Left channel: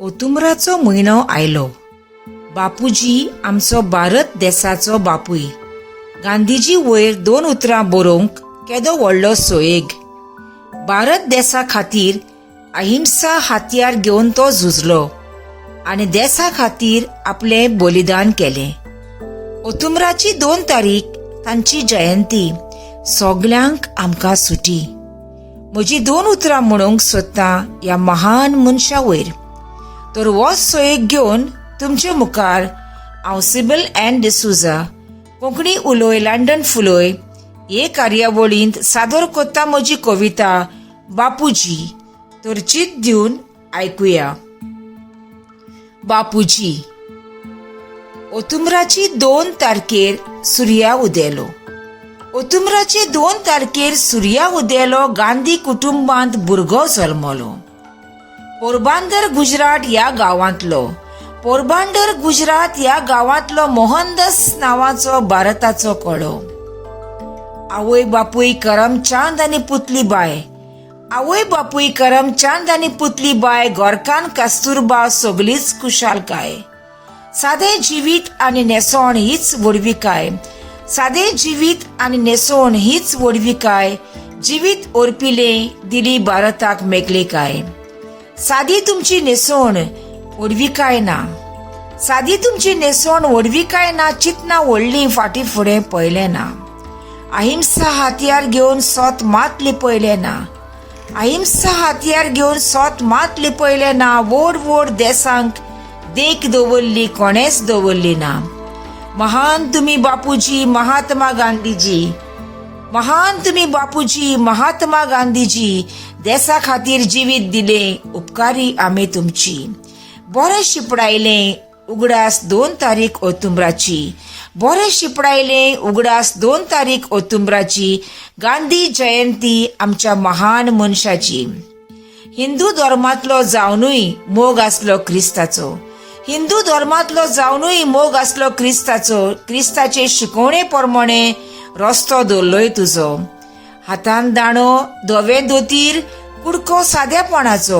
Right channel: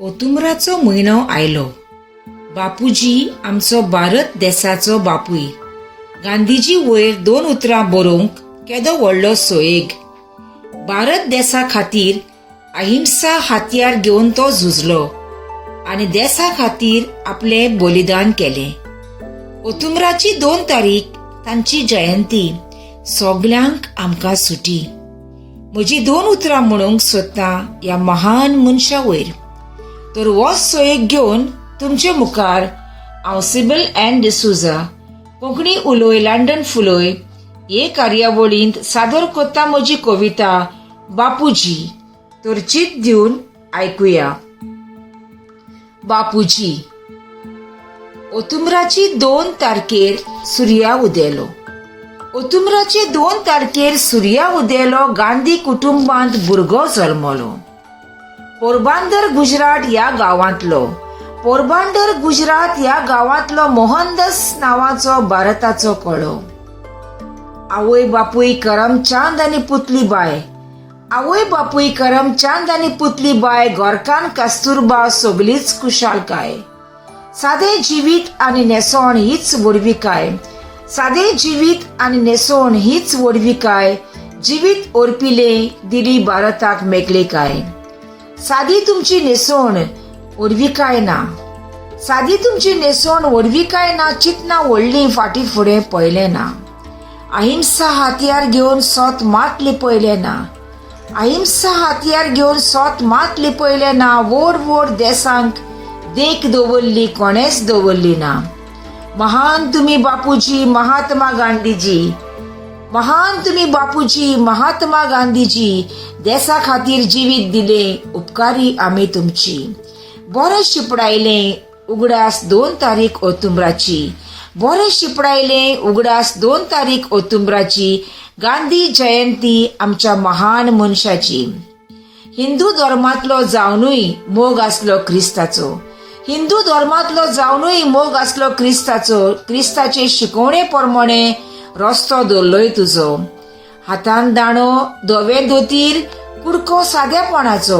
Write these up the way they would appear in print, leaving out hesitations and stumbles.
ओतुंबराचो म्हयनो आयलो. बापूजी आमचो भारत देशाचो बापूय. गांधीजी वयर 2 उतरां बरोवंक केदो व्हडलो सोयेग. भारत देशा खातीर अहिंसा हातयार घेवन तो झुजलो आनी देशा खातीर आपले बलिदान केलें. ओतुंबराची 2 तारीख तांची जयंती. सगल्यांक आमकां सुटी. म्हजी 2 उतरां म्हणूंक सोदतां ह्या महान मनशा वयर. तर हो सोयेग घेवन तुमचे मुखार हांव सिबील एन डिसूजा कोंकणी उलोय लंडन फुलोय हे कार्यावळींत सादर कोत्ता म्हजी कविता बापूजी. तर चित दिवन आयकुया. बापूजी. ओतुंबराची 2 तारखेर सुर्या उदेलो. ओतुंबराचे 2 तारखेर सुर्या उदेलो. गांधी कुटुंबांत भुरगो जल्मलो. पोरबांदर गुजरात ह्या गांवांतलो. पोरबांदर गुजरात ह्या गांवांतलो मोहनदास नांवाचो भारताचो कोडो. आवय बापूय करमचांद आनी पुतली बाय. आवय बापूय करमचांद आनी पुतली बाय. गोरकान कस्तुरबा सगळीच कुशालकाय. सादें जिवीत आनी नेसोण हीच वडविकाय. सादें जिवीत आनी नेसोण हीच वडविकाय. जिवीत ओरपिले दिली भारताक मेकळेकाय. सादी तुमची नेसोण वडविकाय ना. सादी तुमची नेसोण वडविकाय ना. चितना व्हडली फाटी फुडें पळयलें ना. अहिंसा हातयार घेवन सोत मात लिपयलें ना. अहिंसा हातयार घेवन सोत मात लिपयलें ना. व्हड व्हड देशांक देख दवरली कोणेच दवरली ना. महान तुम्ही बापूजी महात्मा गांधीजी. महान तुम्ही बापूजी महात्मा गांधीजी. देशा खातीर जिवीत दिले उपकारी आमी तुमची. बरें शिपडायलें उगडास 2 तारीख ओतुंबराची. बरें शिपडायलें उगडास 2 तारीख ओतुंबराची. गांधी जयंती आमच्या महान मनशाची. हिंदू धर्मांतलो जावनूय मोग आसलो क्रिस्ताचो. हिंदू धर्मांतलो जावनूय मोग आसलो क्रिस्ताचो. क्रिस्ताचे शिकवणे प्रमाणे रस्तो दवरलोय तुजो. हातान दाणो धवें दोतीर कुडको सादेपणाचो.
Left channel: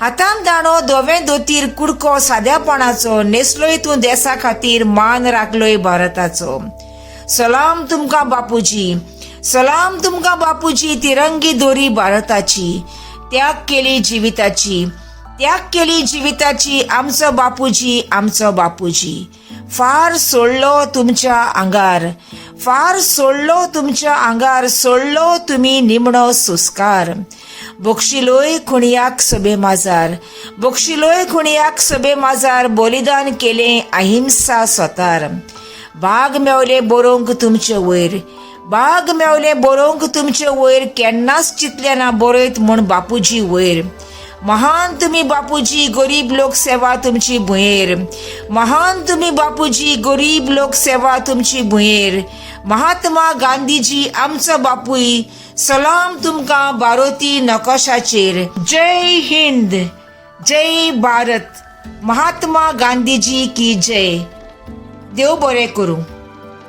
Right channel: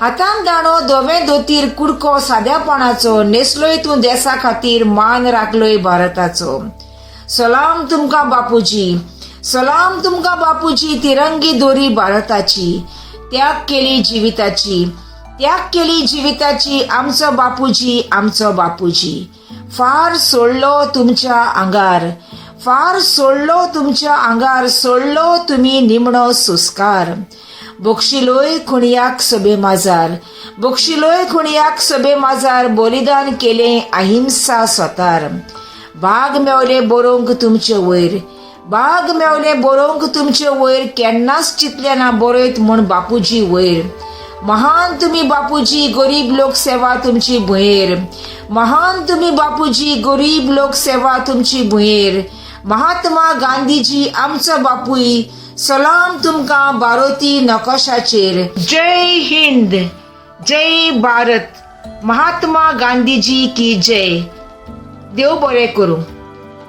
हातान दाणो धवें दोतीर कुडको सादेपणाचो. नेसलोय तूं देशा खातीर मान राखलोय भारताचो. सलाम तुमकां बापूजी. सलाम तुमकां बापूजी. तिरंगी दोरी भारताची. त्याग केली जिविताची. त्याग केली जिविताची. आमचो बापूजी आमचो बापूजी. फार सोडलो तुमच्या आंगार. फार सोडलो तुमच्या आंगार. सोडलो तुम्ही निमणो सुस्कार. बक्षिलोय खुणयाक सोबे माजार. बक्षिलोय खुणयाक सोबे माजार. बलिदान केले अहिंसा स्वतार. भाग मेवले बरोवंक तुमचे वयर. भाग मेवले बरोवंक तुमचे वयर. केन्नाच चितले ना बरयत म्हूण बापूजी वयर. महान तुम्ही बापूजी गरीब लोक सेवा तुमची भुंयेर. महान तुम्ही बापूजी गरीब लोक सेवा तुमची भुंयेर. महात्मा गांधीजी आमचो बापूय. सलाम तुमकां भारती नकोशाचेर. जय हिंद जय भारत. महात्मा गांधीजी की जय. देव बरें करूं.